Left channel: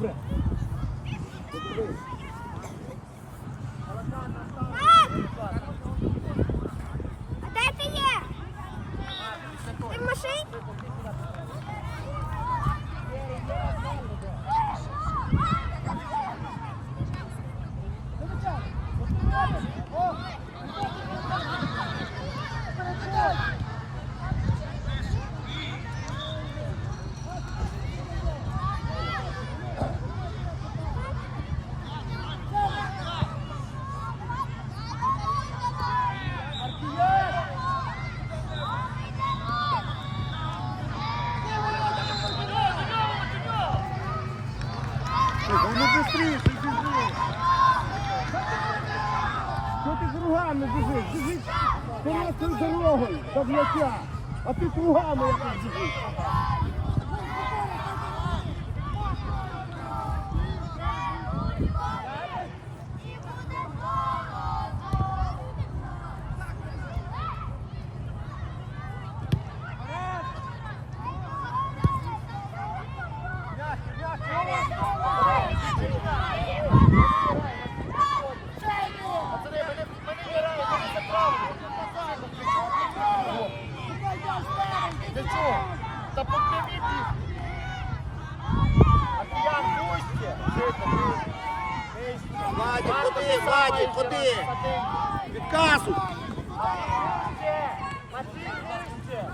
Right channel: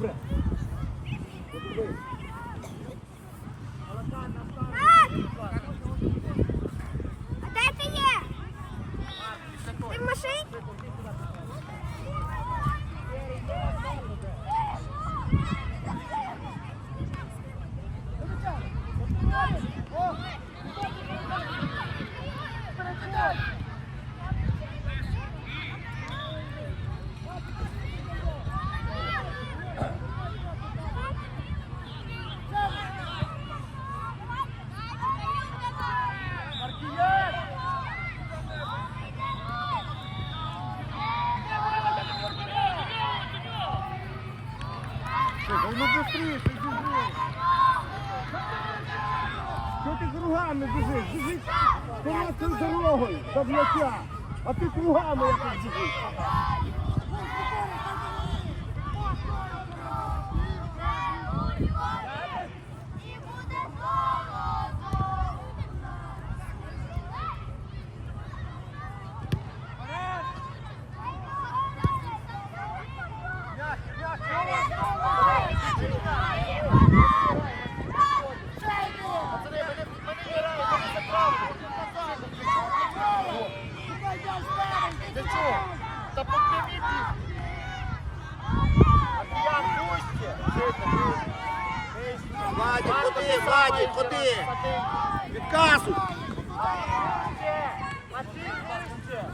Добре. Готовий. А де ти є? Ти в машині? Ну быстріше, біжи. Що ти кругами бежишь? Біжиш короткою дорогою до м'яча, а ти кругами якось біжиш. Чого? Та по прямій біг. А ти як пусті? Владик, ходи, Владик, ходи. Відказуй. Матвій, вище.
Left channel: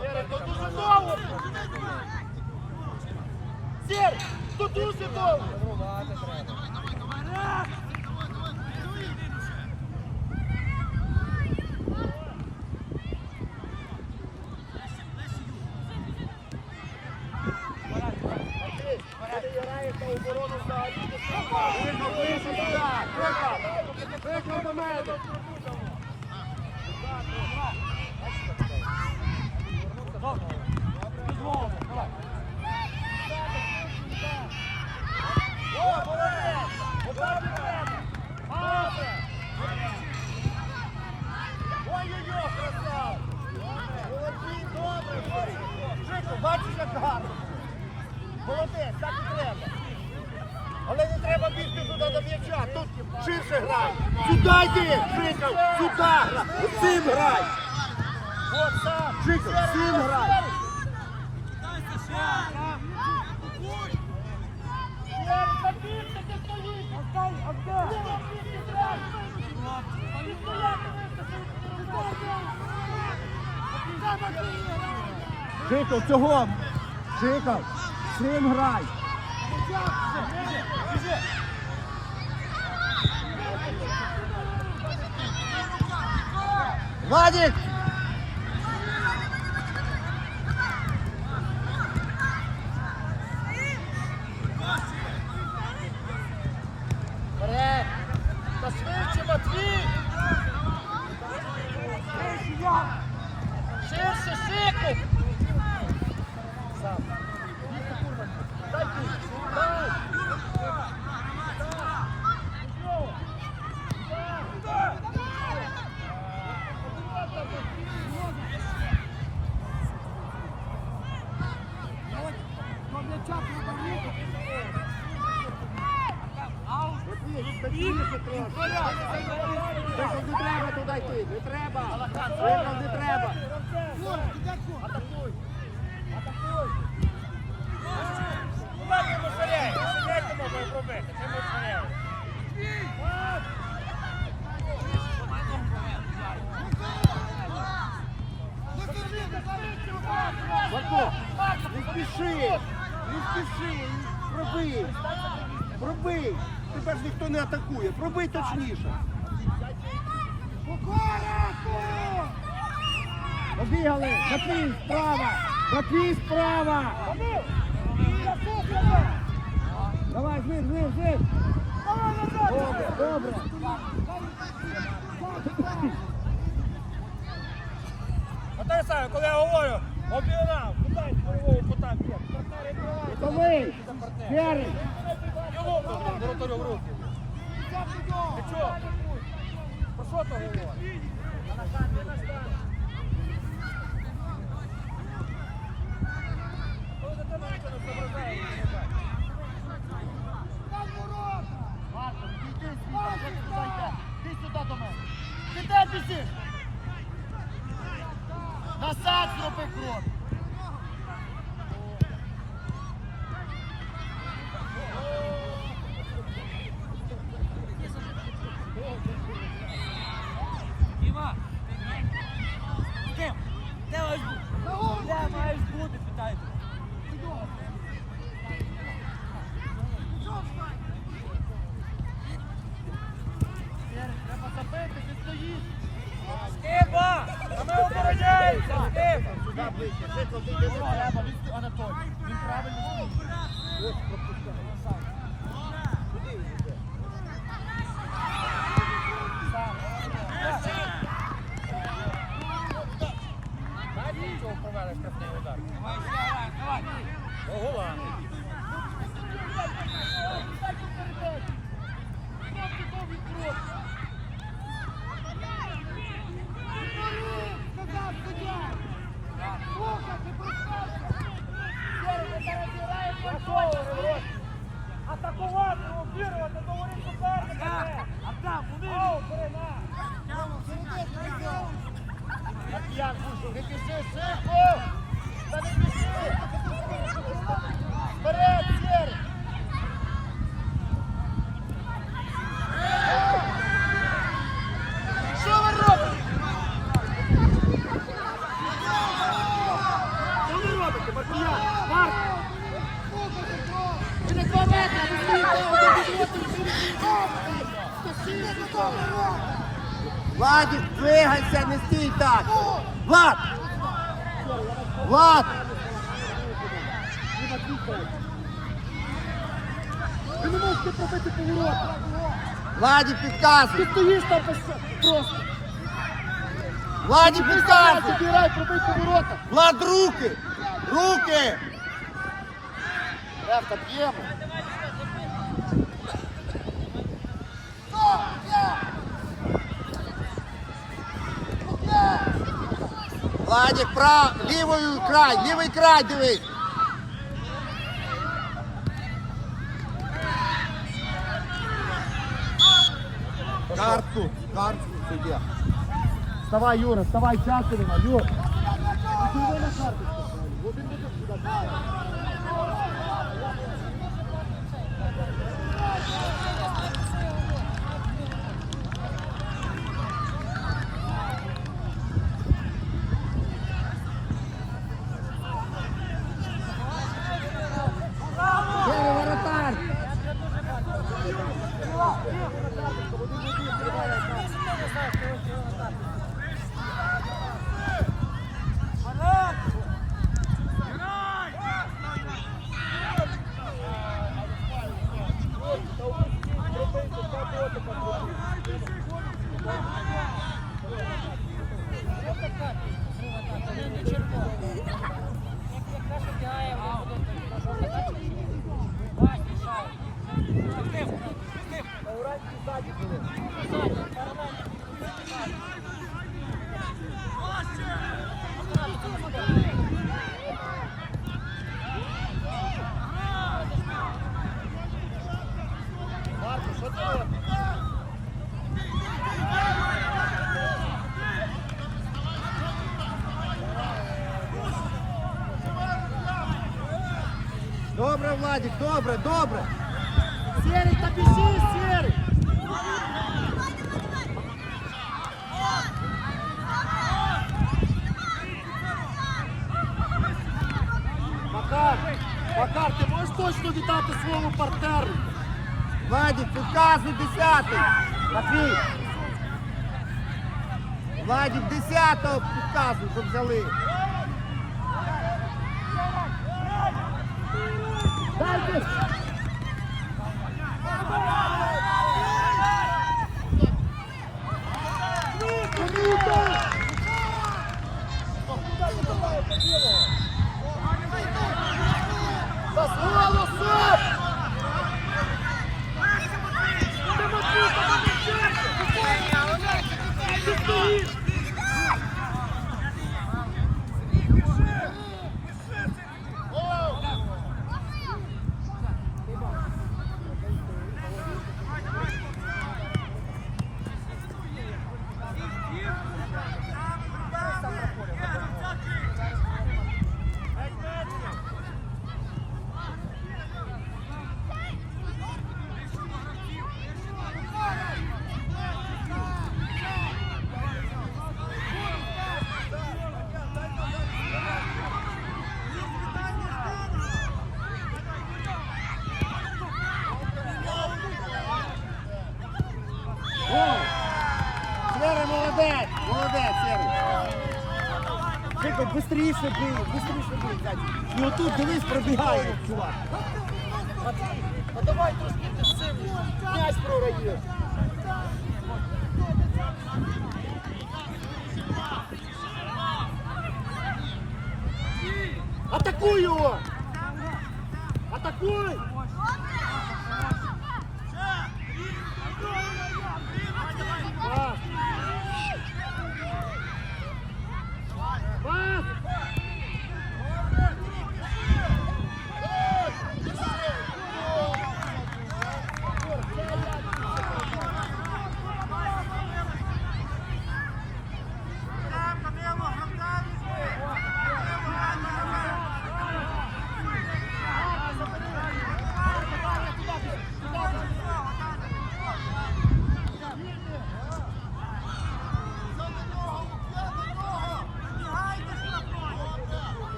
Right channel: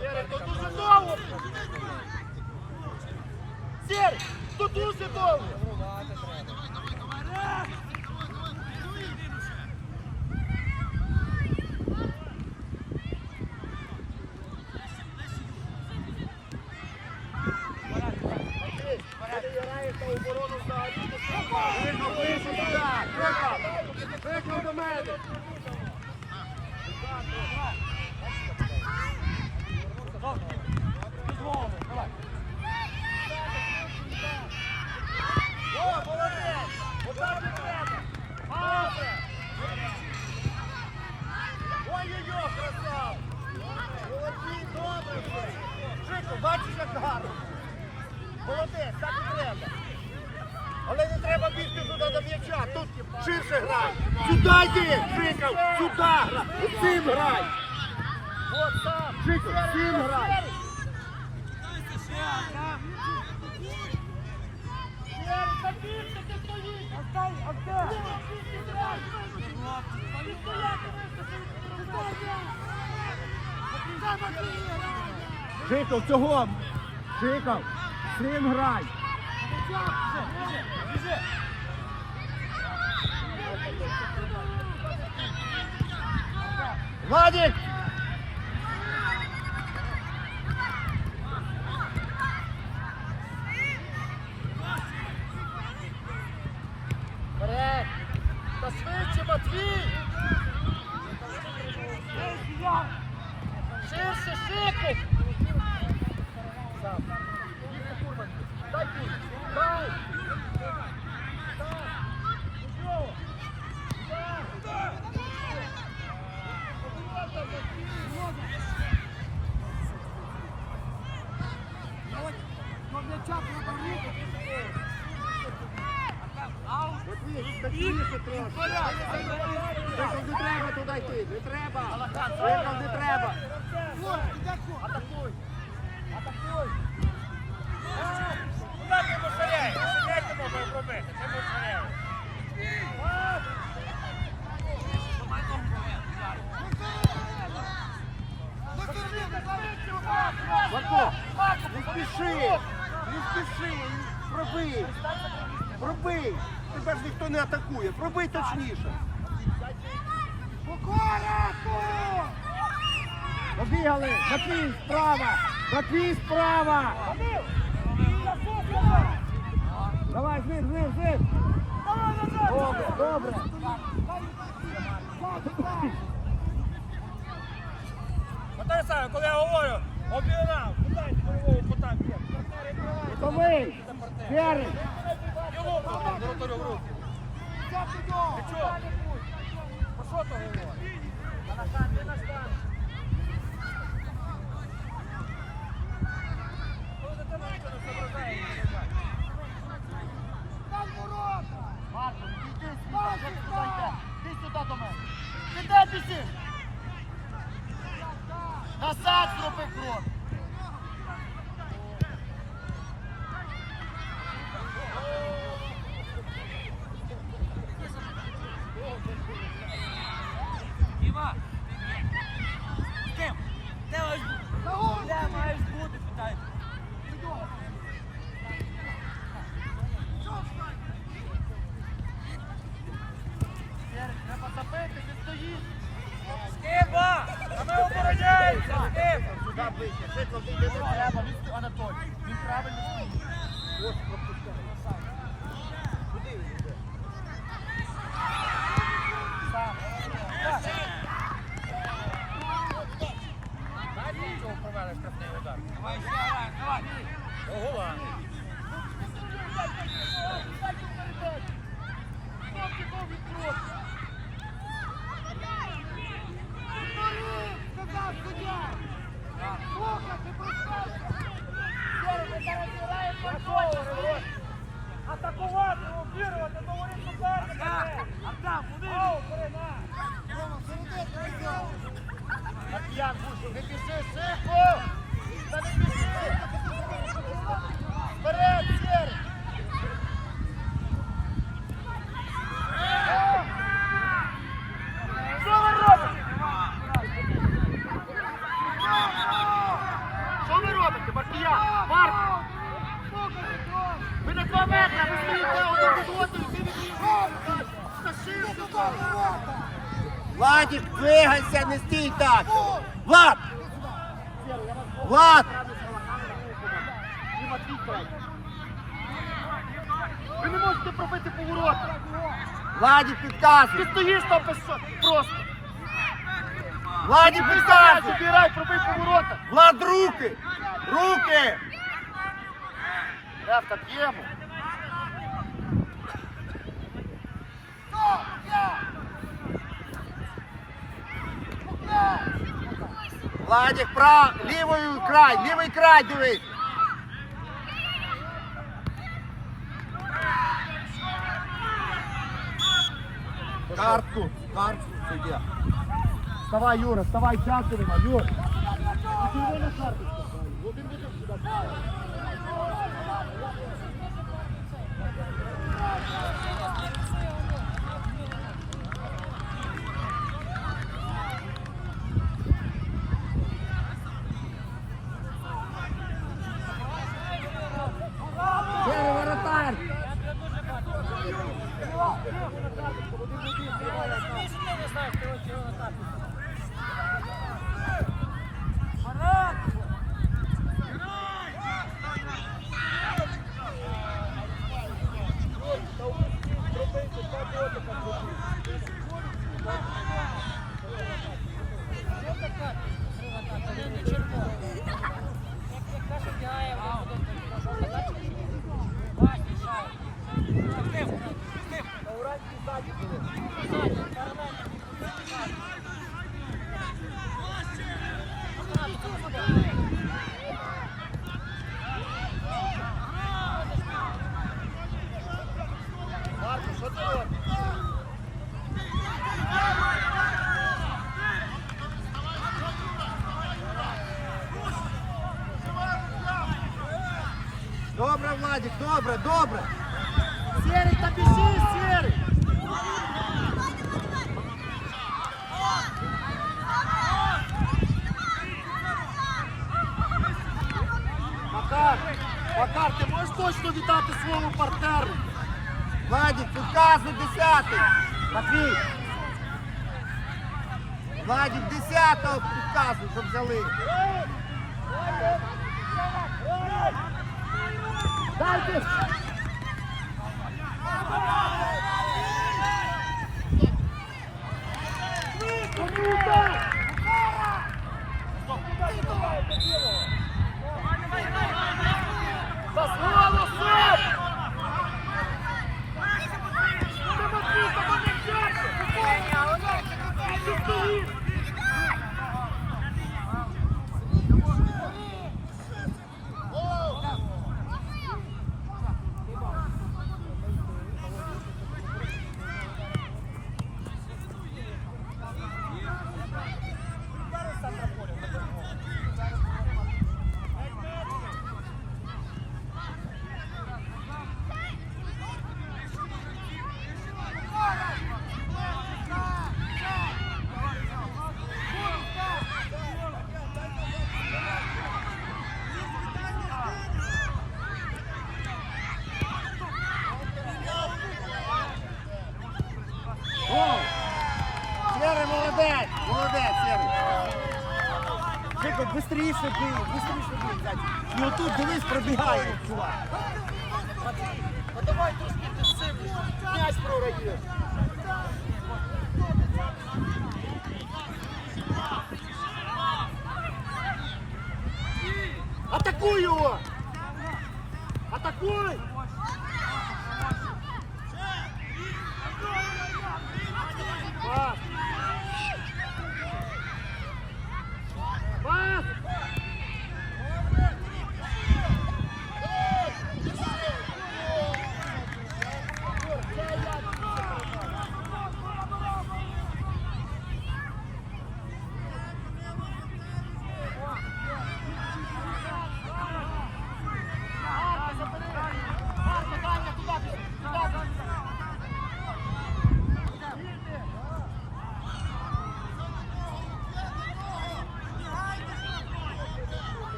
Сірий, то дуже довго. Сірий, то дуже довго. Матвій, коли граєш на оборону взагалі, то що? Вийшов, вийшов туди. Викав. Викав до мене. О, молодець! Отак і треба! Добре! Ой-ой-ой, красав! Молодці, добре! Жико, бачиш, як гарно було? Молодець, так і треба! Але не треба бігти туди до м'яча, тут ширше грай! Сюди йди, Жиков, сюди грай. Оцим грай. Жиков, всім грай. Жиков, цього. Жиков, всім грай. Владик! Вперед! Та швидше, Матвій! Ширше, шику! Сам. Дай путь! Дай! Быстріше трошки. Жиков, не треба туди йти, не треба. Жиков, не треба. Атакуй! Атакуй! Куди ти мошаряєш? Як ти можеш зробити? Ти мошаряєш. Марко, не спіши, не спіши, пробий, пробий. Тебе ж ніхто не атакує, пробий точніше. Побігали, Матвій справа, Матвій справа. Давай, жив, жив, жив. Добре, добре. Саме, коли я говорю, обігнав, питай бойового кута б'є? Готовий. Серий. Його воротарю в руки. Ти чого? що то говорить? А на штанг, ти на штанг. Ну, за тебе ніхто не соображає, не соображає. Марко, відійди звідси, що ти туди йдеш? Ти сюди до мене. Ти де біжиш? Назад зроби крок. Діма! З ким? Де маєш бути? Де маєш бути, питаю. Серик, треба ти стоїш. Скипа! А ми обороняємося! Скип! Сюди ближче, швидко вийде не треба, він Анатолій. Він правильно стоїть. Ось пропускає. Куди він йде? Сам. Знаєте, чого провели штрафний удар? Давай, ще раз, давай! Ого! Атакувати, обірвати, говорить суперника! Артем, вони! Ау, бери, на! Маркіян, Гушу, не біжи, шику! Ви не можете пробити поворота. Владик, підказуй! Ти стоїш там просто. просто. Владик, Ти підказуй! грай, пробий поворота. Влад, руки! Руки! Ревка, б'ємо. Владик, прав, лівою край, лівий край дивись. Вставай, Юра, вставай, часу нема, Юра. А ти його на карту поставив. Один один сюди. Сірий воротар. Марко, що ти робиш? Добре, Владик, добре, добре. Серий, та біжи, Серий! Макар, Макар, ти можеш точно віддати своєму партнеру? Владик, підказуй десятий. Матвій, Владик, десятого підказуй, щоб взяли. дайте! Кому Vamos, Luiz! Бистріше бий, бистріше бий, Зайчик. І отут дивись, пробігає, чувак. Ну давай трошки інтенсивніше. М'яч прораєш. Атакуй його! Атакуй!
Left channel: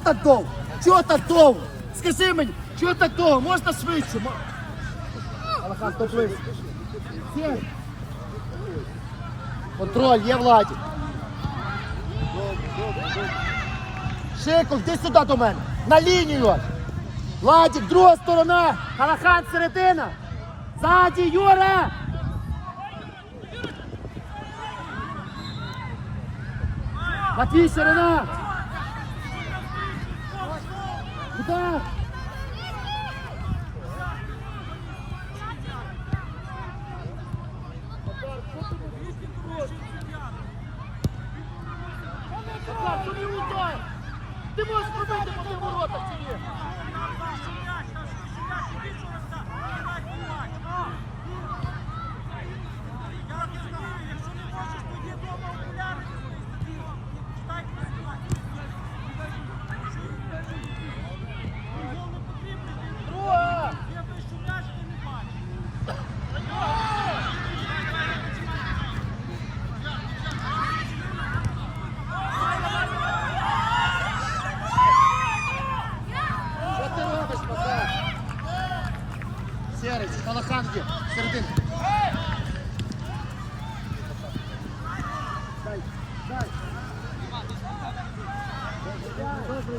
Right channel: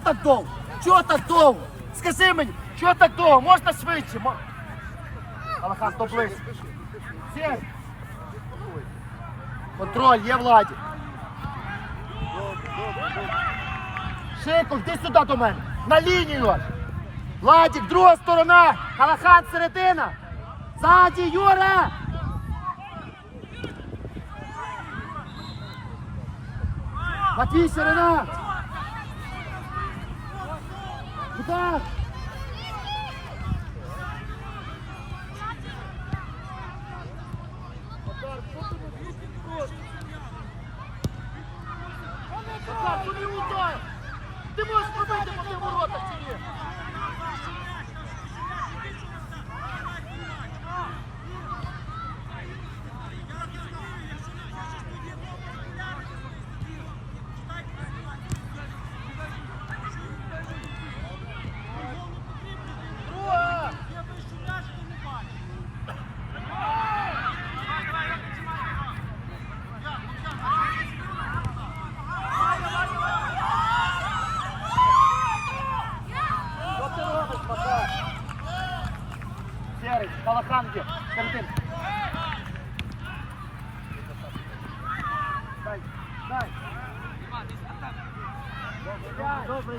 так довго? Чого так довго? Скажи мені, чого так довго? Можна швидше? Мо- Алахан, то близько. Сєй. Контроль, є Владі. Шиков, йди сюди до мене. На лінію. Владик, друга сторона. Алахан, середина. Ззаді, Юра. Матвій, ширина. Удар. Макар, тобі удар! Ти можеш пробити по тим воротах чи ні? Друга! Що ти робиш, Макар? Серий, Калахан є, серединка. Дай, дай. Добре.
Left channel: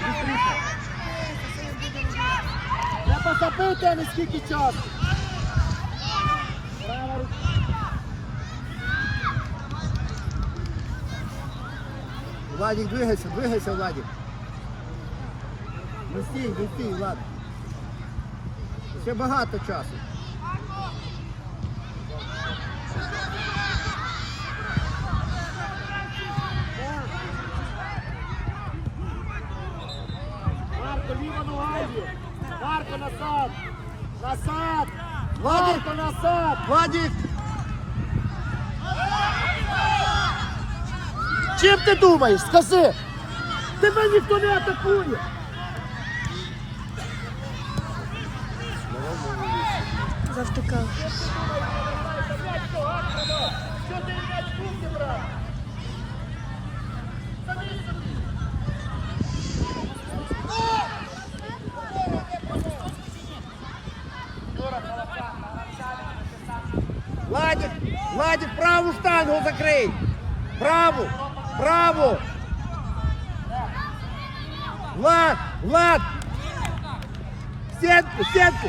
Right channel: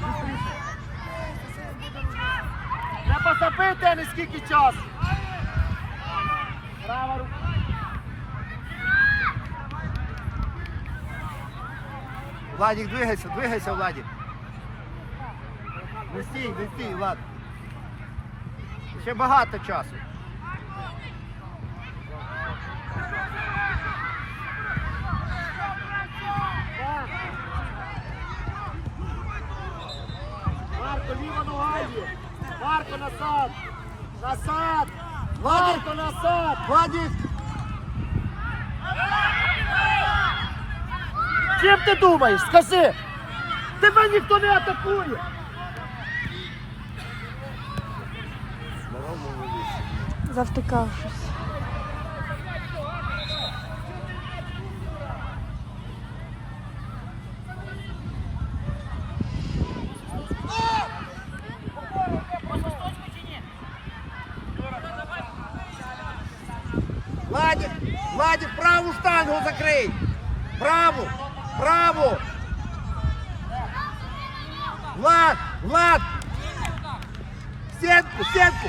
Быстріше. Забити, не скільки часу. Права рука. Владик, двигайся, двигайся, Владик. Не стій, не стій, Влад. Ще багато часу. Марко, ліва нога є. Марко, назад. Назад. Владик, Марко, назад. Владик. Чим ти думаєш? Скажи. Тебе ніхто не атакує. Завтикав. Владик, Влад, Влад. В Сетку, сетку.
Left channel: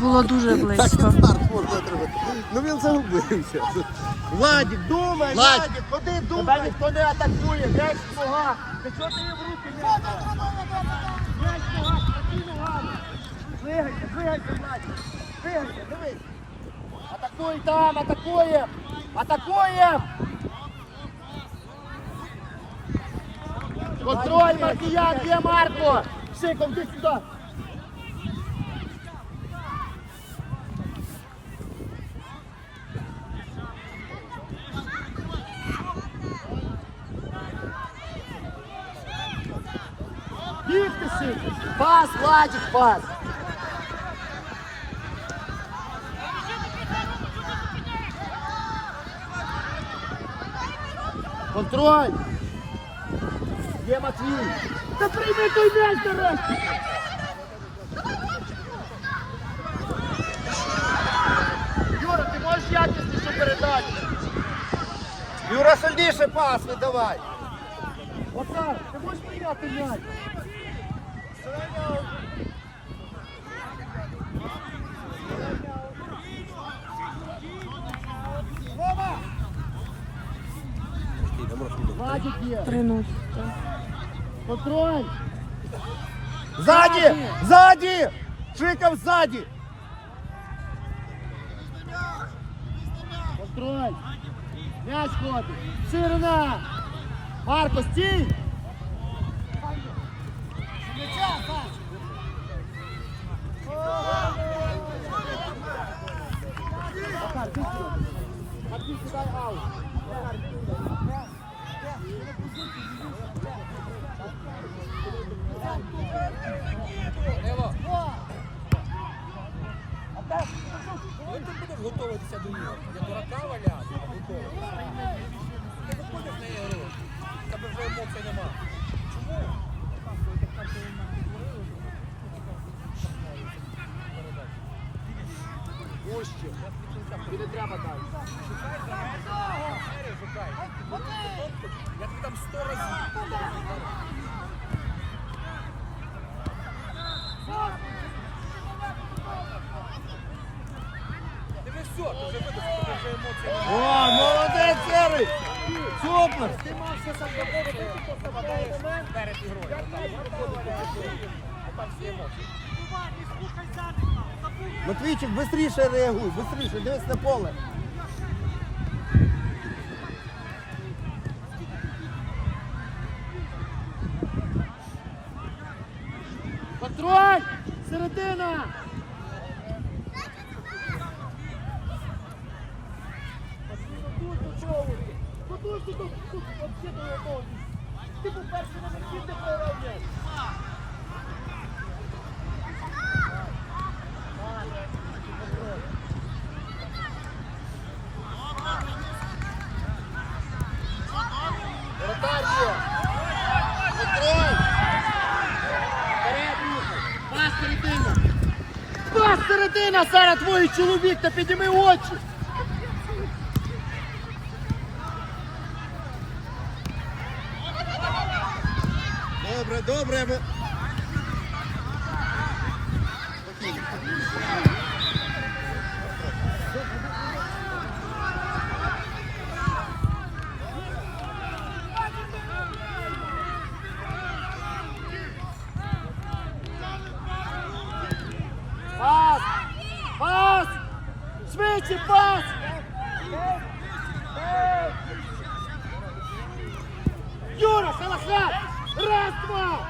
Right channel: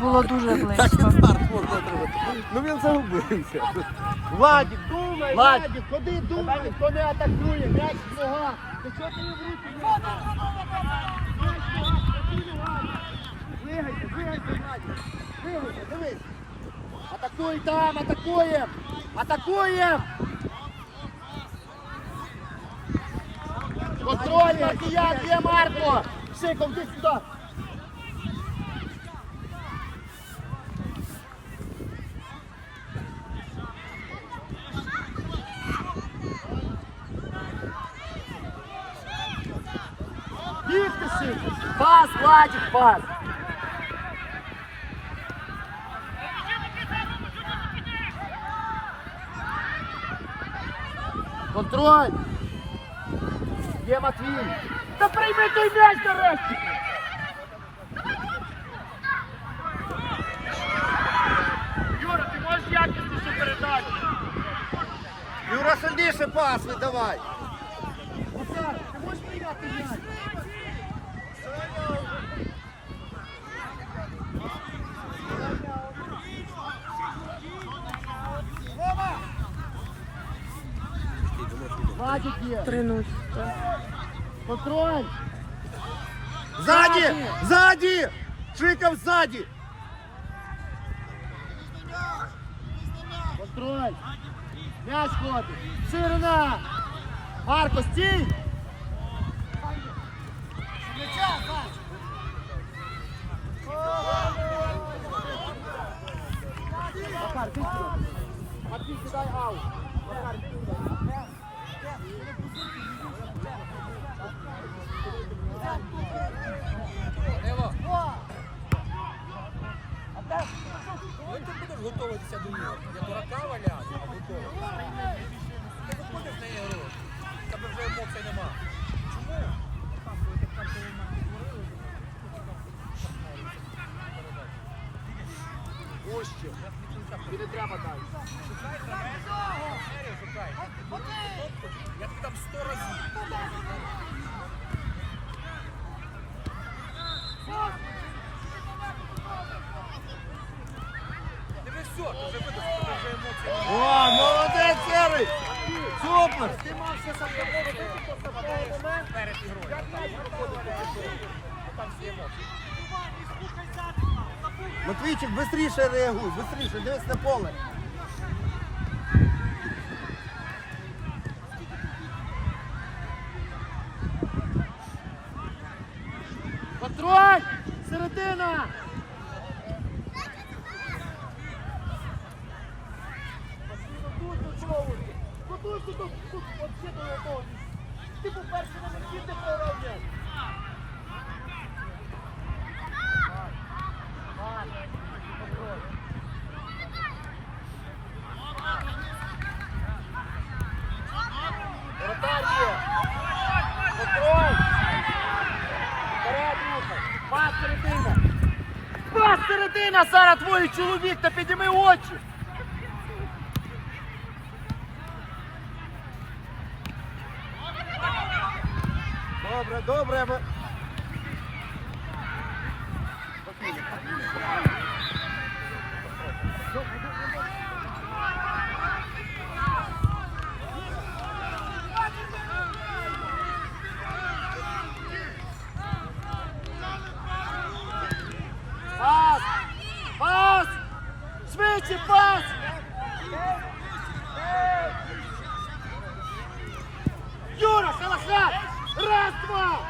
Було дуже близько. Ну він загубився. Владик, думай, Владик, ходи, думай. Тебе ніхто не атакує, м'яч нога. Ти чого ти в руки не дав? Двигайся, двигайся, Владик. Двигайся, дивись. Атакуй там, атакує. Атакує. Контроль, Маркіян, є Марко. Шиком, ти сюди. Бігти Шиком. Пас, Владик, пас. Контроль! Є Матвій! Та прийми той м'яч нарешті! Юра, ти можеш якісніше передати? Юра, сильніше пас видавай! Отак, ти можеш прийняти м'яч? Владик є! 3-0. Контроль! Сзади! Сзади! Шиков сзади! Контроль! Мяч ходить! Ширина! Марко, стій! Макар, ти сюди. Аут. Макар, ти сюди. Данило. Ти будеш готуватися? Я дурака валяв, а. Тобі не треба далі. Шукай. Я тобі там сто разів. Ти ти ти. О, молодець, Серий! Супер! Ти ще сам робити, хто сам перед ігрою. Там всі емоції. Матвійчик, швидше реагуй, швидше, дивись на поле. Контроль! Середина! Готуйся до тут, взагалі до якого. Ти був перший на місці, де програв м'яч. Контроль. Людина зараз твій чоловік, та підніми очі. Швидше пас! Юра, Салахат! Раз, два!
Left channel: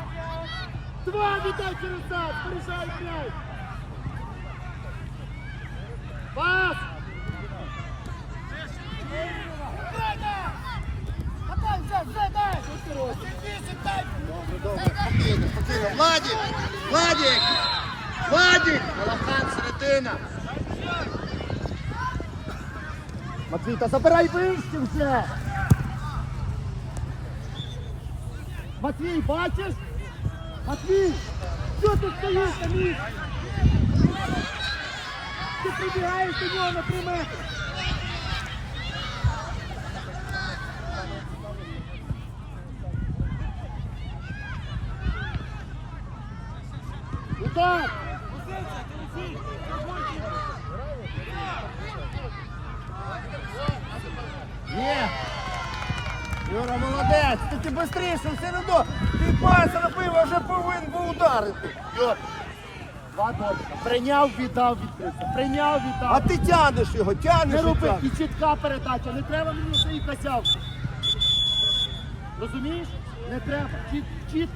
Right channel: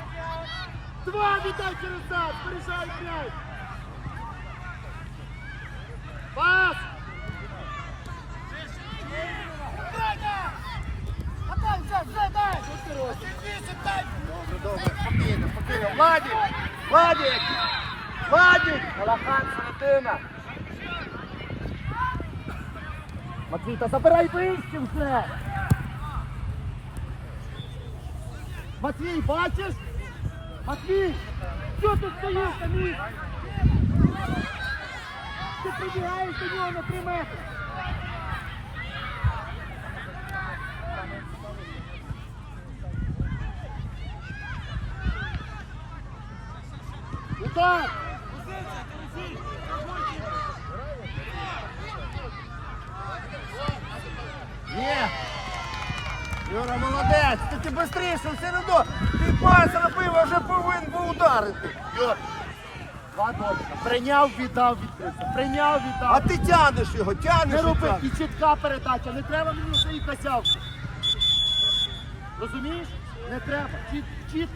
Два віддай через нас! Порішай м'яч! Пас! Добре, добре, спокійно, спокійно. Владик! Владик! Владик! Алахан, середина! Матвій, та забирай вище вже! Матвій, бачиш? Матвій! Що ти стоїш на місці? Ти прибігаєш до нього на три метри! Удар! Є! Юра, молодець! Тільки швидше, все одно! Ти пас робив, а вже повинен був ударити! Два. Прийняв, віддав, відкрився. Прийняв, віддав. А ти тянеш його, тянеш Не і роби, тянеш. і чітка передача. Не треба мені свої косявки. Розумієш? Не треба. Чіт, чітка